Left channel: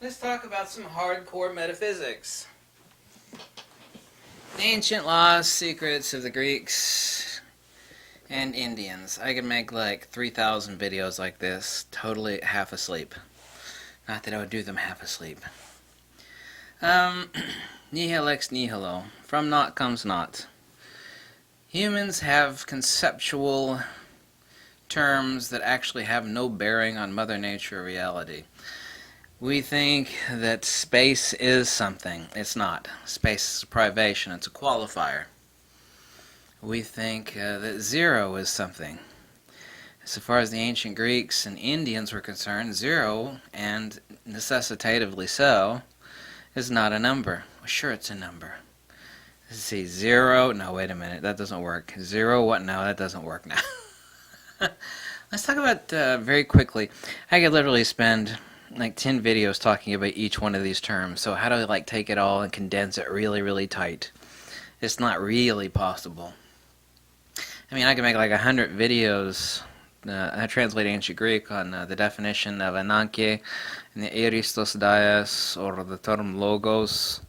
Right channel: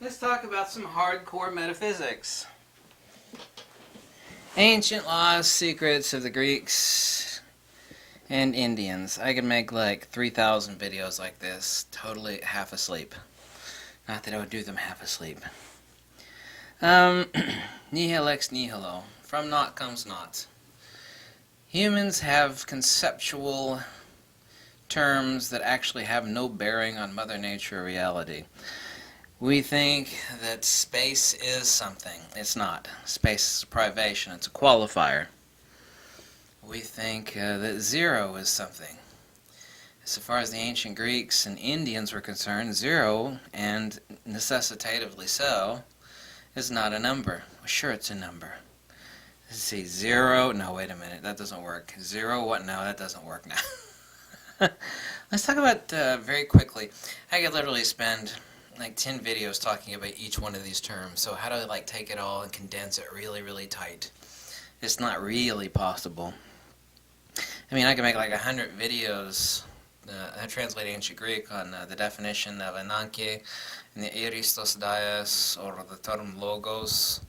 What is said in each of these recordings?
Let's talk about some hardcore metaphysics. Ancient lost secrets of the Greeks and Indians. I could make like 3,000 videos like this, totally half asleep. Not that I would do them half asleep. Nihil ex nihilo. From naught comes naught. Humans have conceptual terms that actually have no bearing on Mother Nature or reality. We think that space is something. It's not. Space is a privation. It's a qualifier. We think that zero is something. So far as the ancient Greeks and Indians were concerned, zero, and necessitatively so, is not a number. Well, sure it's a number. Let's see, zero, no, wait a minute, that doesn't work. Zero, what? No, that doesn't work now. Let's talk about, very quickly, I could literally spend like 10 videos talking about each one of these terms. So how do I like take it all and condense it really, really tight? It's not really possible. I mean, I can make like 100 videos. I translate ancient Greek on the definition of ananke and the aristos dias, or the term logos,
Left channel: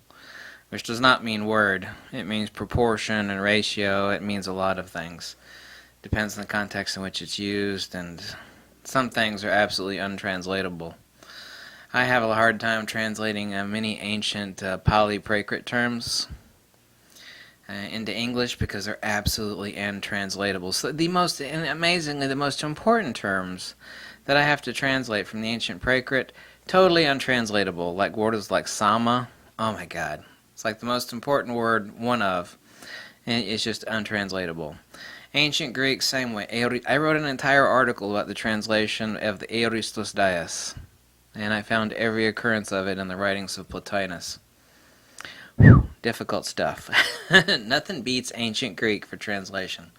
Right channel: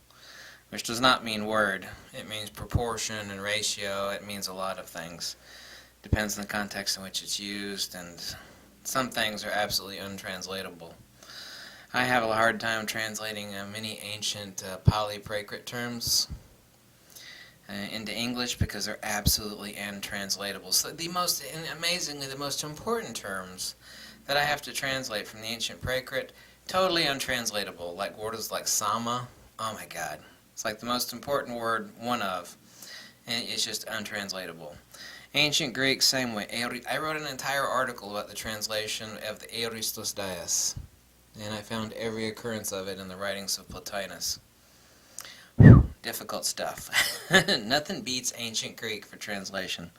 which does not mean word. It means proportion and ratio. It means a lot of things. Depends on the context in which it's used, and some things are absolutely untranslatable. I have a hard time translating many ancient Pali-Prakrit terms into English because they're absolutely untranslatable. So and amazingly, the most important terms that I have to translate from the ancient Prakrit, totally untranslatable. Like words like sama, oh my God. It's like the most important word, one of, and it's just untranslatable. Ancient Greek, same way. I wrote an entire article about the translation of the aristos dias, and I found every occurrence of it in the writings of Plotinus. Whew, difficult stuff. Nothing beats ancient Greek for translation.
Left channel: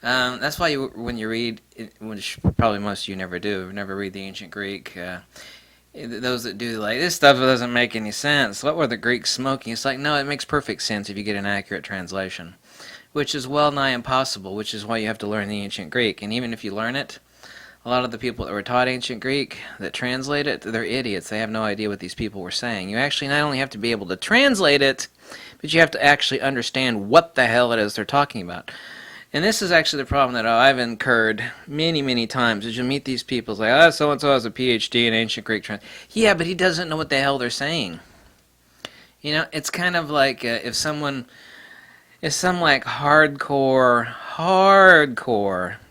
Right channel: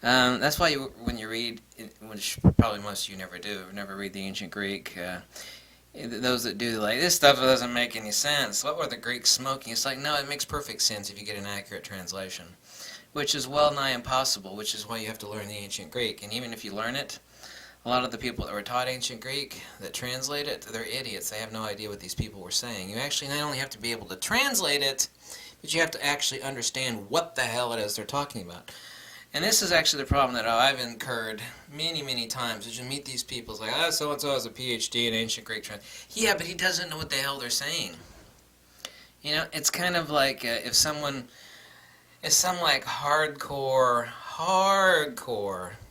That's why when you read, which probably most of you never do, never read the ancient Greek, those that do, like, this stuff doesn't make any sense. What were the Greeks smoking? It's like, no, it makes perfect sense if you get an accurate translation, which is well nigh impossible, which is why you have to learn the ancient Greek. And even if you learn it, a lot of the people that were taught ancient Greek that translate it, they're idiots. They have no idea what these people were saying. You actually not only have to be able to translate it, but you have to actually understand what the hell it is they're talking about. And this is actually the problem that I've incurred many, many times, is you meet these people, it's like, oh, so-and-so has a PhD in ancient Greek Yeah, but he doesn't know what the hell they're saying. You know, it's kind of like if some like hardcore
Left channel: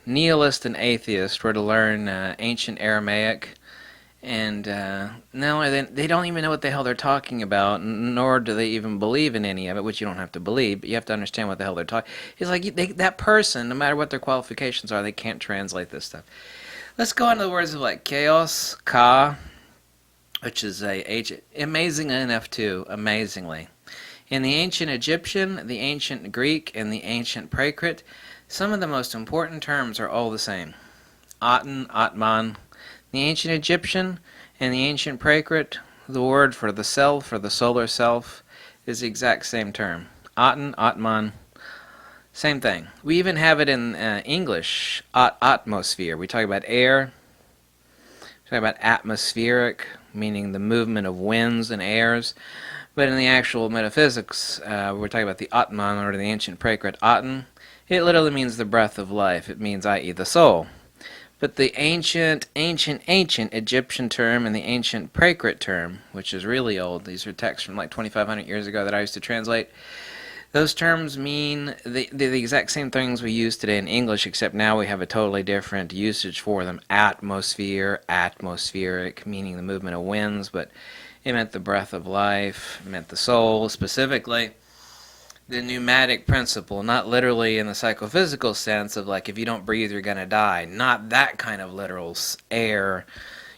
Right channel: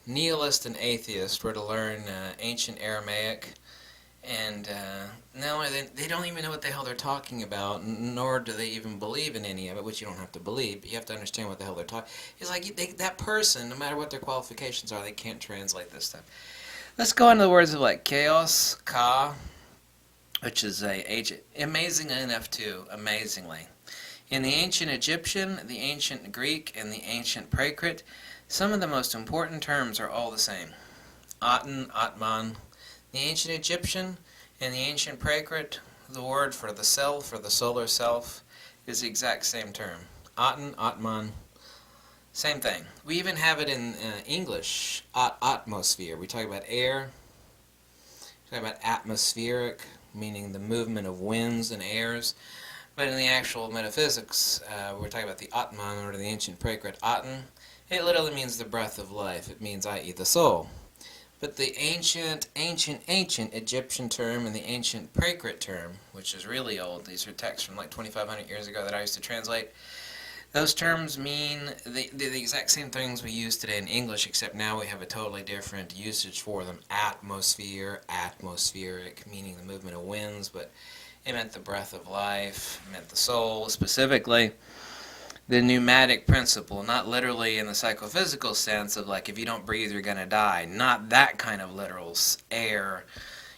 nihilist and atheist were to learn ancient Aramaic, and no, they don't even know what the hell they're talking about, nor do they even believe in any of it, which you don't have to believe, but you have to understand what the hell they're talking. It's like that person, no matter what their qualifications are, they can't translate this stuff. Let's go on to the words of like chaos, ka, which is amazing enough too, amazingly. In the ancient Egyptian, the ancient Greek, and the ancient Prakrit, some of the most important terms are all the same. Aten, Atman. The ancient Egyptian and the ancient Prakrit, the word for the self or the solar self is the exact same term. Aten, Atman, same thing. We even have it in English, atmosphere. We talk about air, we talk about atmospheric, meaning the movement of winds and airs. But in the actual metaphysics, we're talking about the Atman, or the ancient Prakrit Aten. It literally means the breath of life. It means, i.e., the soul. But the ancient Egyptian term and the ancient Prakrit term, which is really old, these are texts from like 2,500 years ago that I used to translate, those terms mean the exact same things we use today in English, except now we have a totally different usage for them. Atmosphere, atmospheric, meaning the movement of winds, but it meant the breath of life, it meant the soul, specifically the pneumatic principle, not literally in the psychophysical sense of like if you don't breathe you're going to die, not that kind of literal air.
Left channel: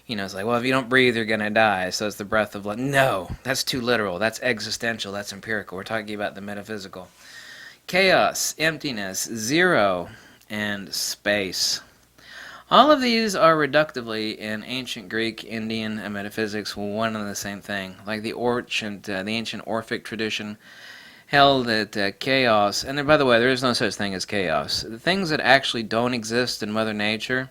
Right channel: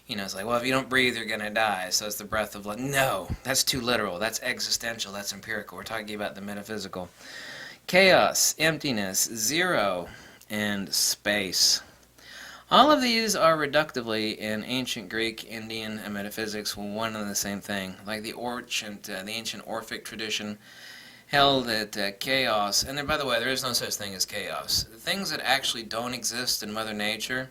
You know, it's like, well, if you don't breathe you're going to die, so it's the breath of life. No, that's too literal, that's existential, that's empirical. We're talking about the metaphysical. Chaos, emptiness, zero, and space. All of these are reductively in ancient Greek, Indian, and metaphysics one and the same thing. Like the ancient Orphic tradition held that chaos, and then, by the way, there is no such thing as chaos. The things that actually don't exist in Mother Nature,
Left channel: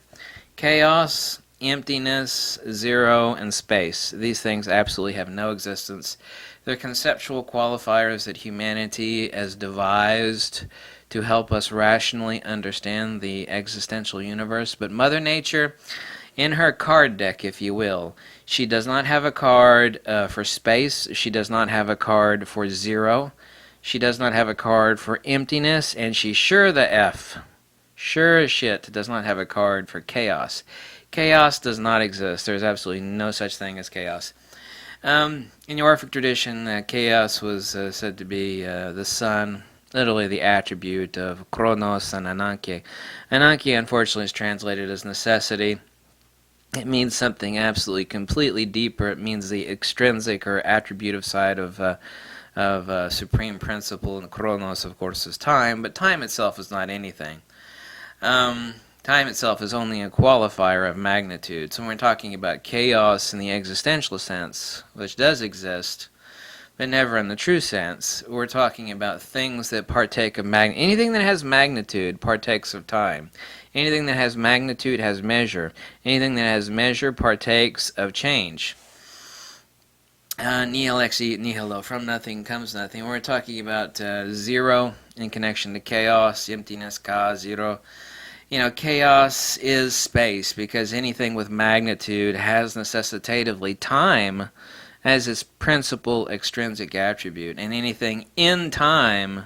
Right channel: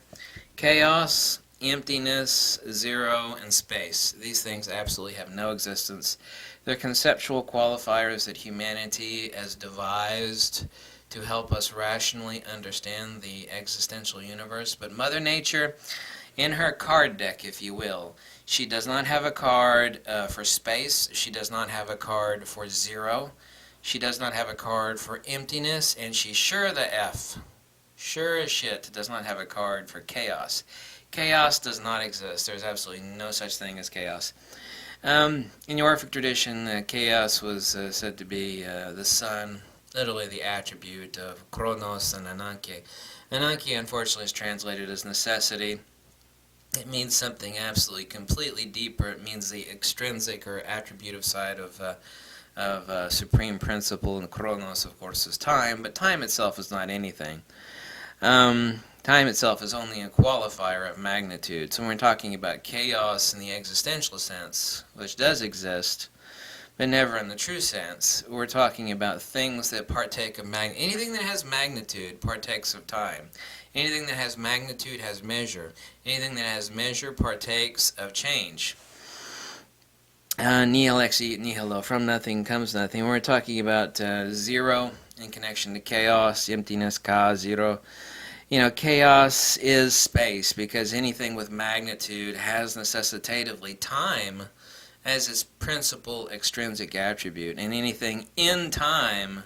chaos emptiness, zero, and space. These things absolutely have no existence. They're conceptual qualifiers that humanity has devised to help us rationally understand the existential universe. But Mother Nature, in her card deck, if you will, she does not have a card for space. She does not have a card for zero. She does not have a card for emptiness. And she sure as shit does not have a card for chaos. Chaos does not exist. There's absolutely no such thing as chaos. In the Orphic tradition, chaos was said to be the sun, literally the attribute of Chronos and Ananke. Ananke, unfortunately, is translated as necessity. It means something absolutely completely deeper. It means the extrinsic or attributive side of supreme principle, and Chronos, of course, is time, but time itself is not anything. Time itself is only a qualifier of magnitude. So when we're talking about chaos in the existential sense, which does exist, but never in the true sense, we're talking about things that partake of magnitude. Anything that has magnitude partakes of time. Anything that has magnitude has measure. Anything that has measure partakes of change. Nihil ex nihilo, from nothing comes nothing. We're talking about zero in connection to chaos, emptiness, ka, zero. You know, chaos is space, because anything with magnitude has necessitatively time as its principal extrinsic attribute, and anything in time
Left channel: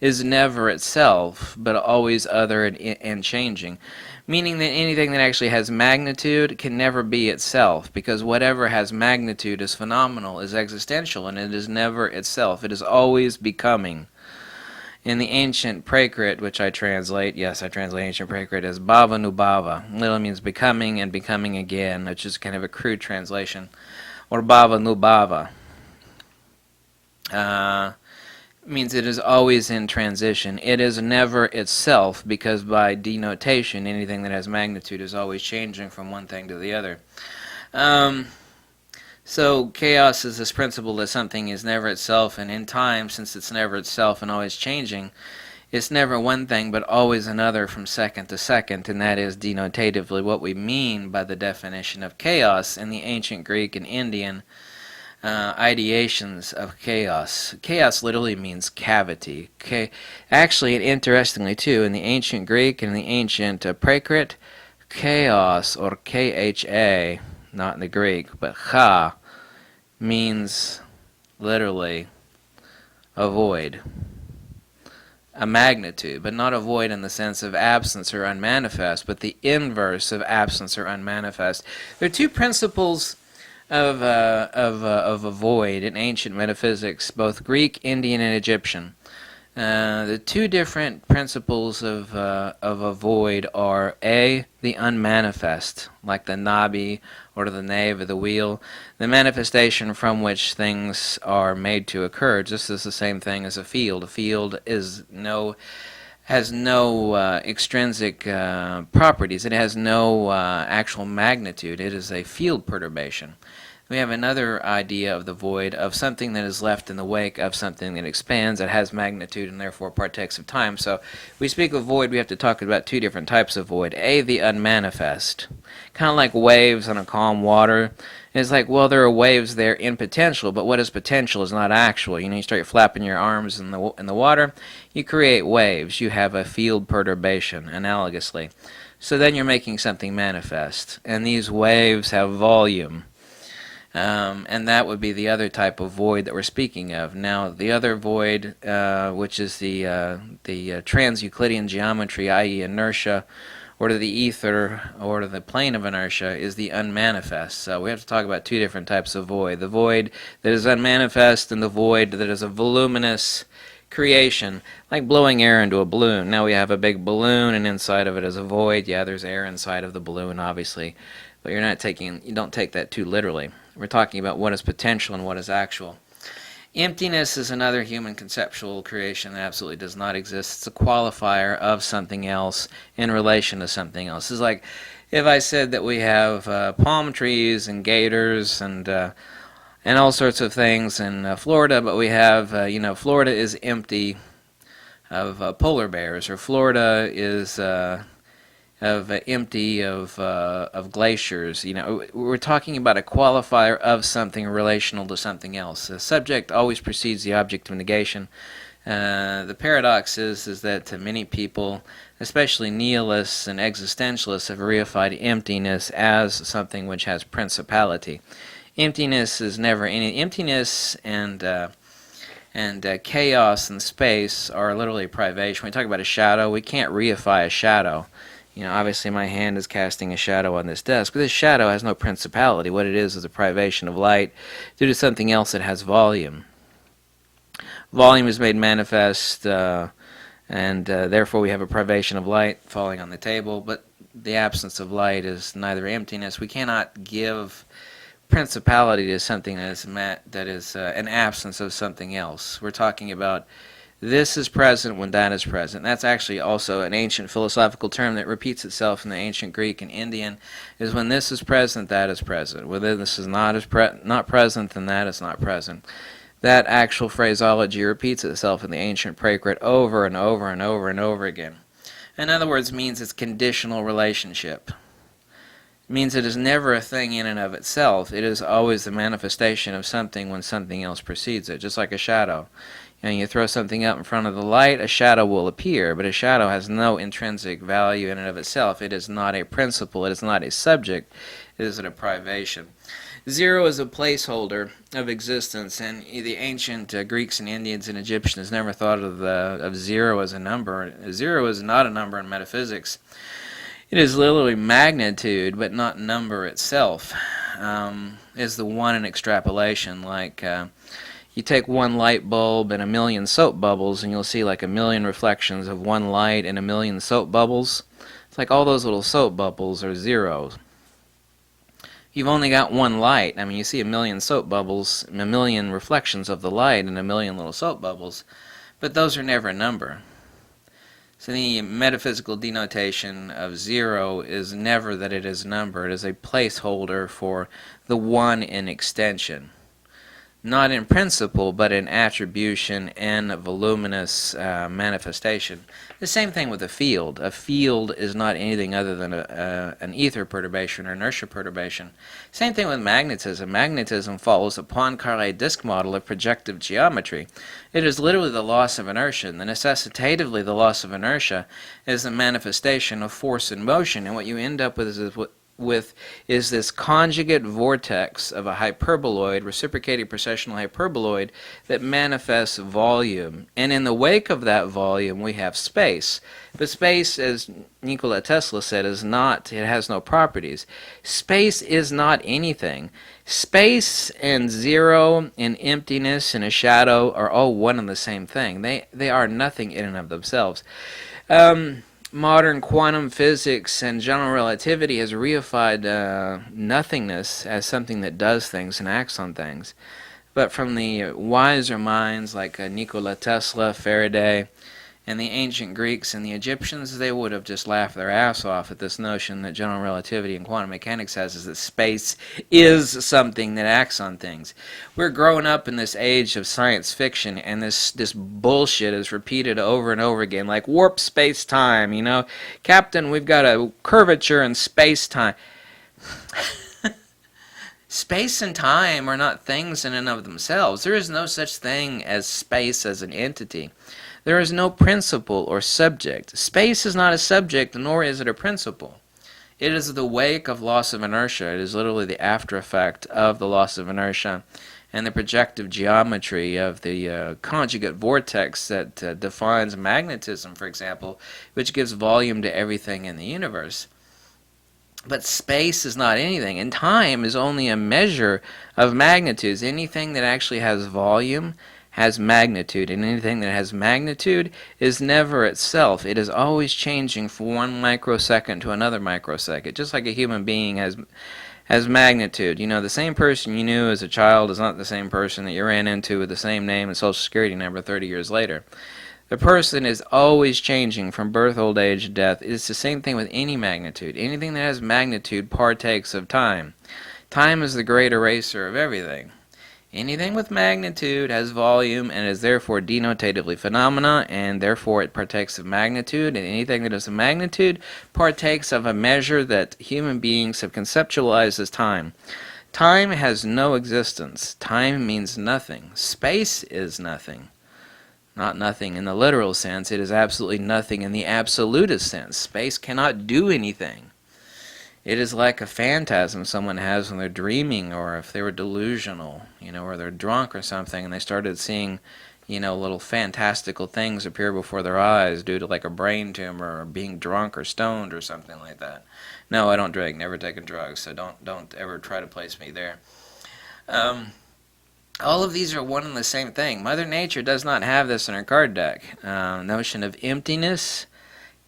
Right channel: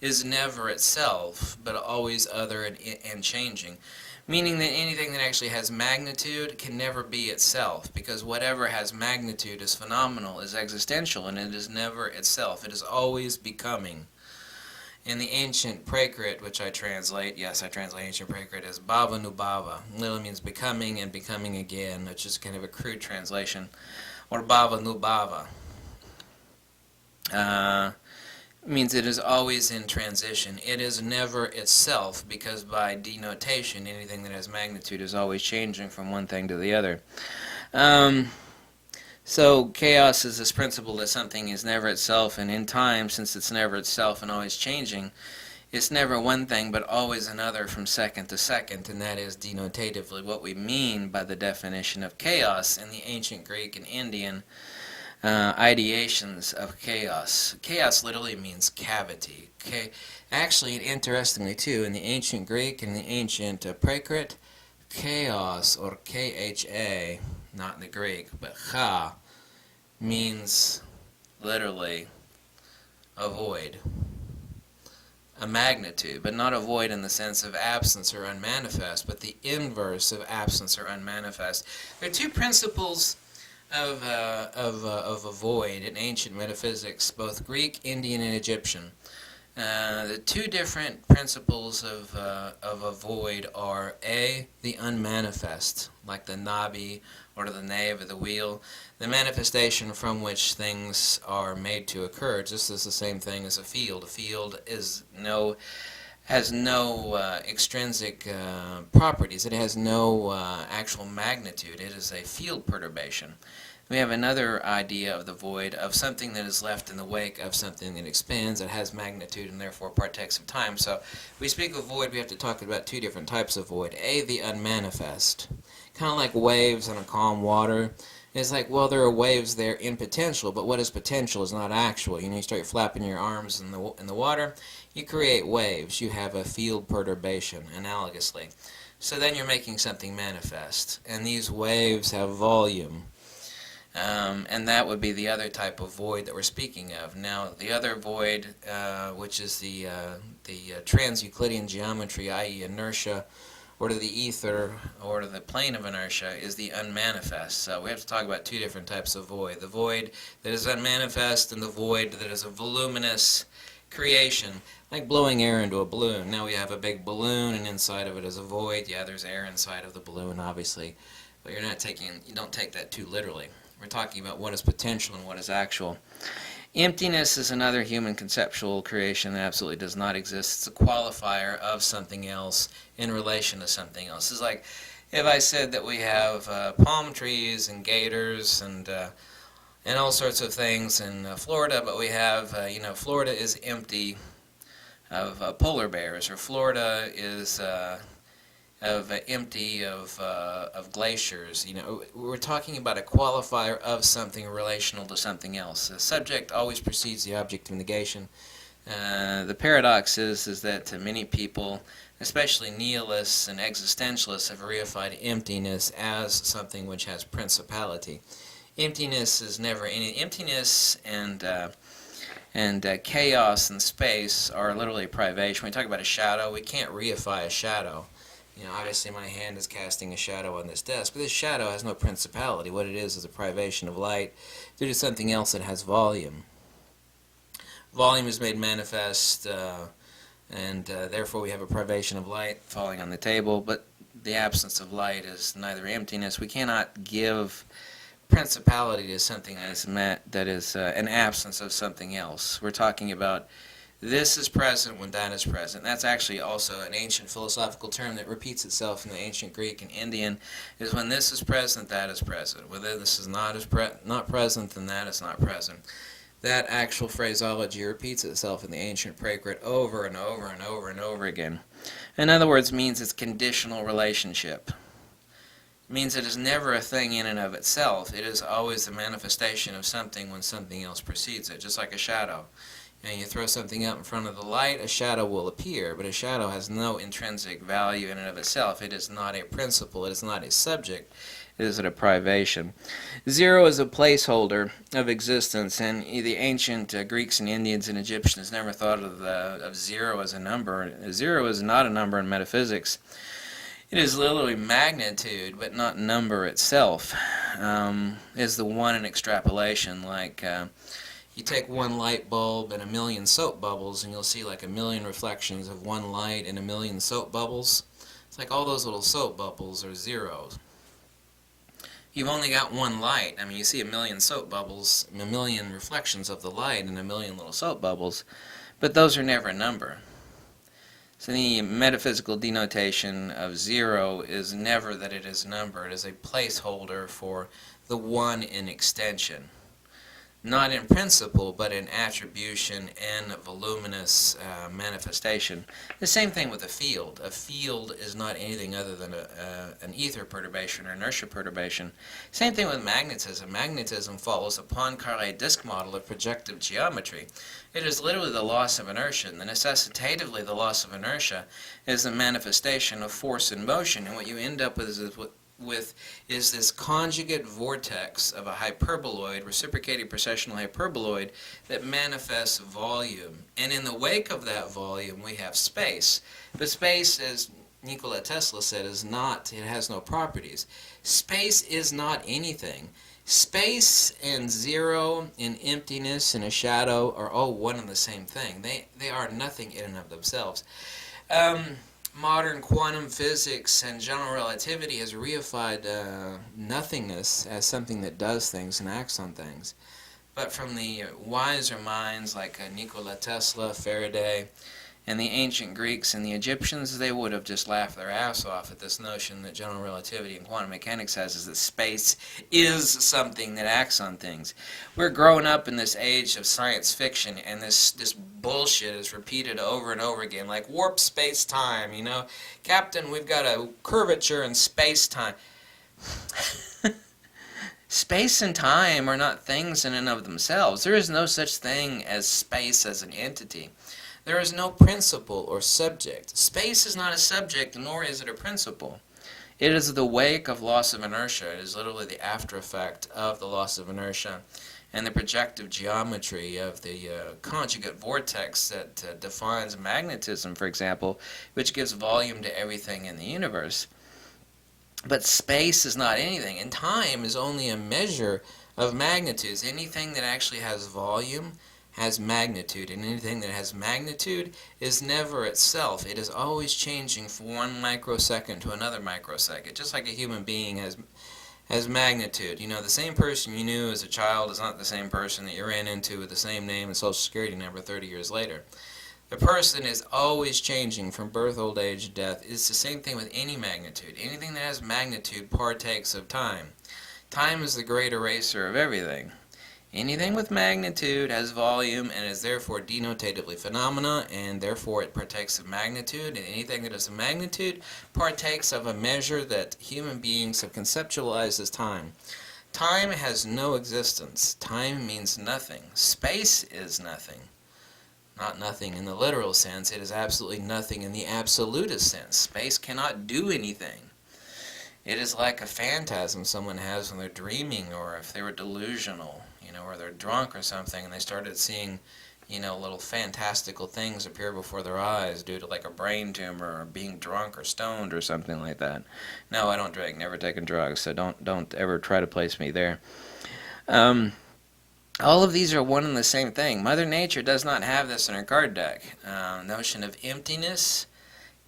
is never itself, but always other and changing, meaning that anything that actually has magnitude can never be itself, because whatever has magnitude is phenomenal, is existential, and it is never itself. It is always becoming. In the ancient Prakrit, which I translate, yes, I translate ancient Prakrit as bhava nubhava. Literally means becoming and becoming again, which is kind of a crude translation, or bhava nubhava. Means it is always in transition. It is never itself, because by denotation, anything that has magnitude is always changing from one thing to the other. So chaos is this principle that something is never itself, and in time, since it's never itself and always changing, it's never one thing but always another from second to second, and that is denotatively what we mean by the definition of chaos in the ancient Greek and Indian ideations of chaos. Chaos literally means cavity. Actually, and interestingly too, in the ancient Greek and the ancient Prakrit, chaos, or K-H-A, not in the Greek, but cha, means literally a void, a magnitude, but not a void in the sense of absence or unmanifest, but the inverse of absence or unmanifest. There are two principles of a void in ancient metaphysics, both Greek, Indian, and Egyptian. The two different principles of a void are A, the unmanifest, like the nabi or the nave of the wheel, the manifestation from which things are made to occur. Just as the same thing as a field. A field has no extrinsic properties. It has no actual magnitude. It is a field perturbation. We have another idea of the void, of something that is left in the wake of something that expands, that has magnitude, and therefore partakes of time. So we speak of void, we have to talk about two different types of void. A, the unmanifest. Kind of like waves on a calm water. It's like, well, there are waves there in potential, but what is potential is not actual. You know, you start flapping your arms in the water, you create waves. You have a field perturbation, analogously. So then you're making something manifest, and these waves have volume. And that would be the other type of void that we're speaking of. Now, the other void, which is the trans-Euclidean geometry, i.e. inertia, or to the ether, or to the plane of inertia, is the unmanifest. So we have to talk about two different types of void. The void that is unmanifest, and the void that is a voluminous creation, like blowing air into a balloon. Now we have a big balloon, and inside of it is a void. Yeah, there's air inside of the balloon, obviously. But you don't take that too literally. We're talking about what is potential and what is actual. Emptiness is another human conceptual creation that absolutely does not exist. It's a qualifier of something else in relation to something else. It's like if I said that we have palm trees and gators and all sorts of things in Florida, but we have, Florida is empty of polar bears, or Florida is empty of glaciers. You know, we're talking about a qualifier of something relational to something else. The subject always precedes the object of negation. The paradox is that many people, especially nihilists and existentialists, have reified emptiness as something which has principality. Emptiness is never any. Emptiness and chaos and space are literally privation. When we talk about a shadow, we can't reify a shadow. You know, obviously my hand is casting a shadow on this desk, but this shadow has no principality. What it is a privation of light due to something else that has volume. Volume is made manifest, and therefore we have a privation of light falling on the table, but the absence of light is neither emptiness. We cannot give principality to something that is an absence of something else. We're talking about this is present when that is present. That's actually also an ancient philosophical term that repeats itself in the ancient Greek and Indian, is when this is present, that is present. When this is not present, then that is not present. That actual phraseology repeats itself in the ancient Prakrit over and over and over and over again. In other words, it means it's conditional relationship. It means it is never a thing in and of itself. It is always the manifestation of something when something else precedes it, just like a shadow. You know, you throw something up in front of the light, a shadow will appear, but a shadow has no intrinsic value in and of itself. It is not a principle. It is not a subject. It is a privation. Zero is a placeholder of existence, and the ancient Greeks and Indians and Egyptians never thought of zero as a number. Zero is not a number in metaphysics. It is literally magnitude, but not number itself. Is the one in extrapolation, like you take one light bulb and a million soap bubbles, and you'll see like a million reflections of one light and a million soap bubbles. It's like all those little soap bubbles are zeros. You've only got one light. I mean, you see a million soap bubbles, a million reflections of the light, and a million little soap bubbles, but those are never a number. So the metaphysical denotation of zero is never that it is a number. It is a placeholder for the one in extension. Not in principle, but in attribution and voluminous manifestation. The same thing with a field. A field is not anything other than an ether perturbation or inertia perturbation. Same thing with magnetism. Magnetism follows a Poincaré disk model of projective geometry. It is literally the loss of inertia. And the necessitatively the loss of inertia is the manifestation of force and motion. And what you end up is this conjugate vortex of a hyperboloid, reciprocating precessional hyperboloid, that manifests volume. And in the wake of that volume, we have space. But space, as Nikola Tesla said, it has no properties. Space is not anything. Space and zero and emptiness and a shadow are all one and the same thing. They are nothing in and of themselves. Modern quantum physics and general relativity has reified nothingness as something that does things and acts on things. But from the wiser minds like Nikola Tesla, Faraday, and the ancient Greeks and the Egyptians, they would have just laughed their ass off at this notion that general relativity and quantum mechanics has, is that space is something that acts on things. We're growing up in this age of science fiction, and this bullshit is repeated over and over again, like warp space-time, you know. Captain, we've got a curvature in space-time. Space and time are not things in and of themselves. There is no such thing as space as an entity. There is no principle or subject. Space is not a subject, nor is it a principle. It is the wake of loss of inertia. It is literally the after effect of the loss of inertia and the projective geometry of the conjugate vortex that defines magnetism, for example, which gives volume to everything in the universe. But space is not anything, and time is only a measure of magnitudes. Anything that actually has volume has magnitude, and anything that has magnitude is never itself. It is always changing from one microsecond to another microsecond, just like a human being has magnitude. You know, the same person you knew as a child is not the same person that you ran into with the same name and social security number 30 years later. The person is always changing from birth, old age, death. It's the same thing with any magnitude. Anything that has magnitude partakes of time. Time is the great eraser of everything. Anything with magnitude has volume and is therefore denotatively phenomena, and therefore it partakes of magnitude, and anything that is a magnitude partakes of a measure that human beings have conceptualized as time. Time has no existence. Time means nothing. Space is nothing. Not nothing in the literal sense. It is absolutely nothing in the absolutist sense. Space cannot do anything. It is like a phantasm someone has when they're dreaming, or if they were delusional, or they're drunk or something, and they started seeing, little fantastical things appear before their eyes due to like a brain tumor or being drunk or stoned or something like that. No, I don't drink, never taken drugs, so don't ever try to place me there. All of these are one and the same thing. Mother Nature does not have this in her card deck. Notion of emptiness,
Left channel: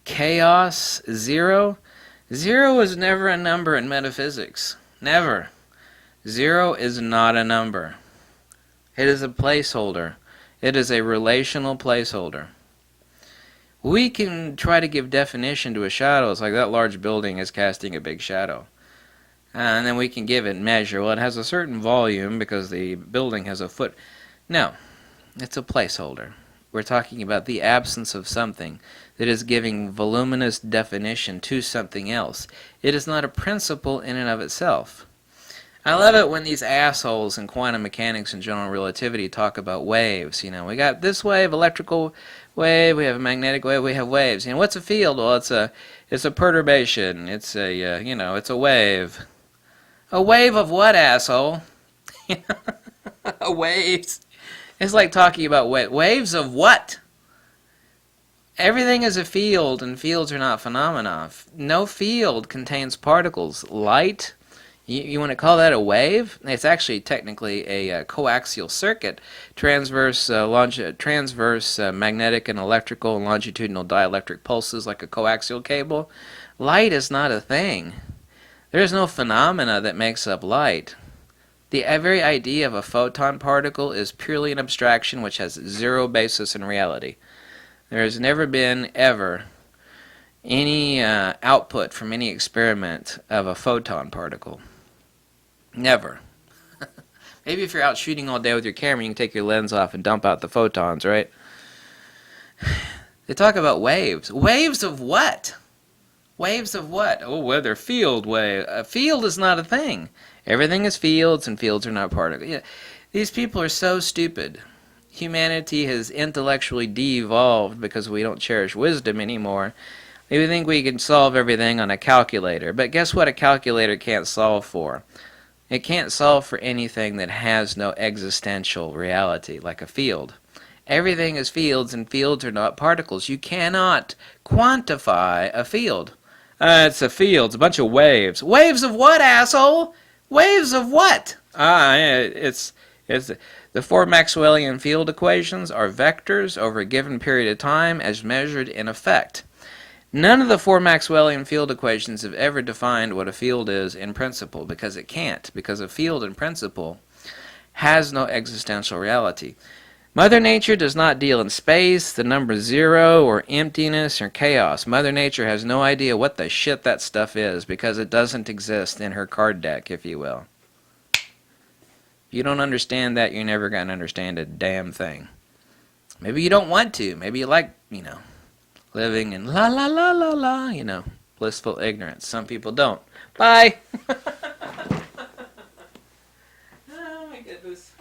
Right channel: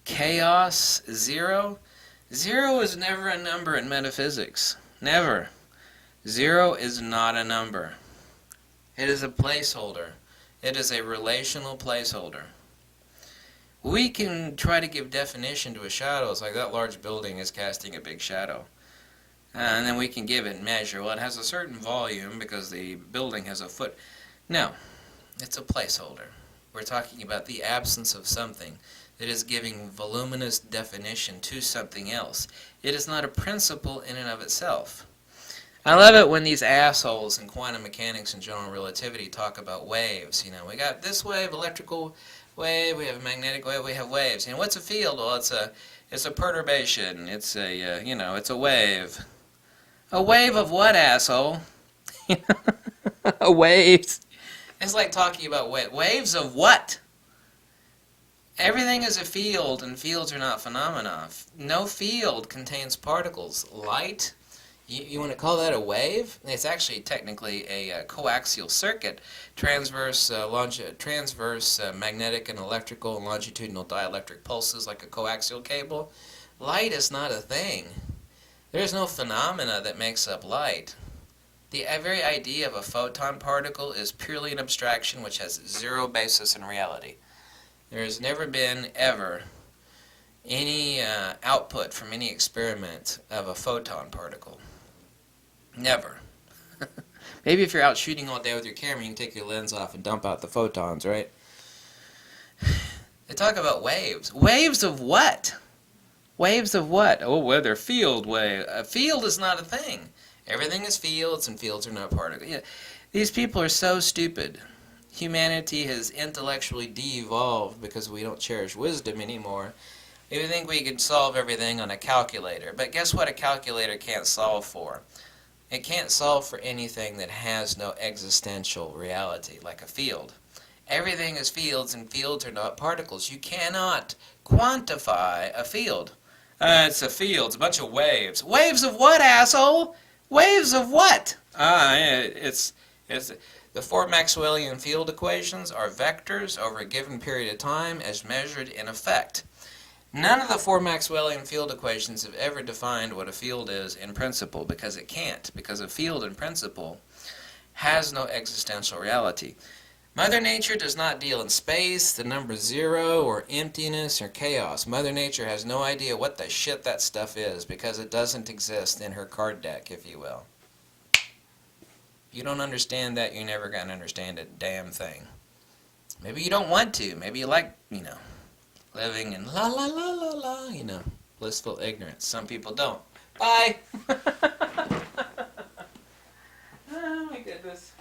chaos, zero. Zero is never a number in metaphysics. Never. Zero is not a number. It is a placeholder. It is a relational placeholder. We can try to give definition to a shadow. It's like that large building is casting a big shadow. And then we can give it measure. Well, it has a certain volume because the building has a foot. No, it's a placeholder. We're talking about the absence of something that is giving voluminous definition to something else. It is not a principle in and of itself. I love it when these assholes in quantum mechanics and general relativity talk about waves. We got this wave, electrical wave, we have a magnetic wave, we have waves. What's a field? Well, it's a perturbation. It's it's a wave. A wave of what, asshole? A wave. It's like talking about waves of what? Everything is a field, and fields are not phenomena. No field contains particles. Light, you want to call that a wave? It's actually technically a coaxial circuit, transverse magnetic and electrical and longitudinal dielectric pulses like a coaxial cable. Light is not a thing. There is no phenomena that makes up light. The very idea of a photon particle is purely an abstraction which has zero basis in reality. There has never been, ever, any output from any experiment of a photon particle. Never. Maybe if you're out shooting all day with your camera, you can take your lens off and dump out the photons, right? They talk about waves. Waves of what? Waves of what? Oh, well, they're field wave. A field is not a thing. Everything is fields, and fields are not particles. Yeah. These people are so stupid. Humanity has intellectually de-evolved because we don't cherish wisdom anymore. We think we can solve everything on a calculator. But guess what a calculator can't solve for? It can't solve for anything that has no existential reality, like a field. Everything is fields, and fields are not particles. You cannot quantify a field. It's a field. It's a bunch of waves. Waves of what, asshole? Waves of what? It's the four Maxwellian field equations are vectors over a given period of time as measured in effect. None of the four Maxwellian field equations have ever defined what a field is in principle, because it can't, because a field in principle has no existential reality. Mother Nature does not deal in space, the number zero, or emptiness, or chaos. Mother Nature has no idea what the shit that stuff is, because it doesn't exist in her card deck, if you will. If you don't understand that, you're never going to understand a damn thing. Maybe you don't want to. Maybe you like, living in la la la la la, blissful ignorance. Some people don't. Bye! Oh my goodness.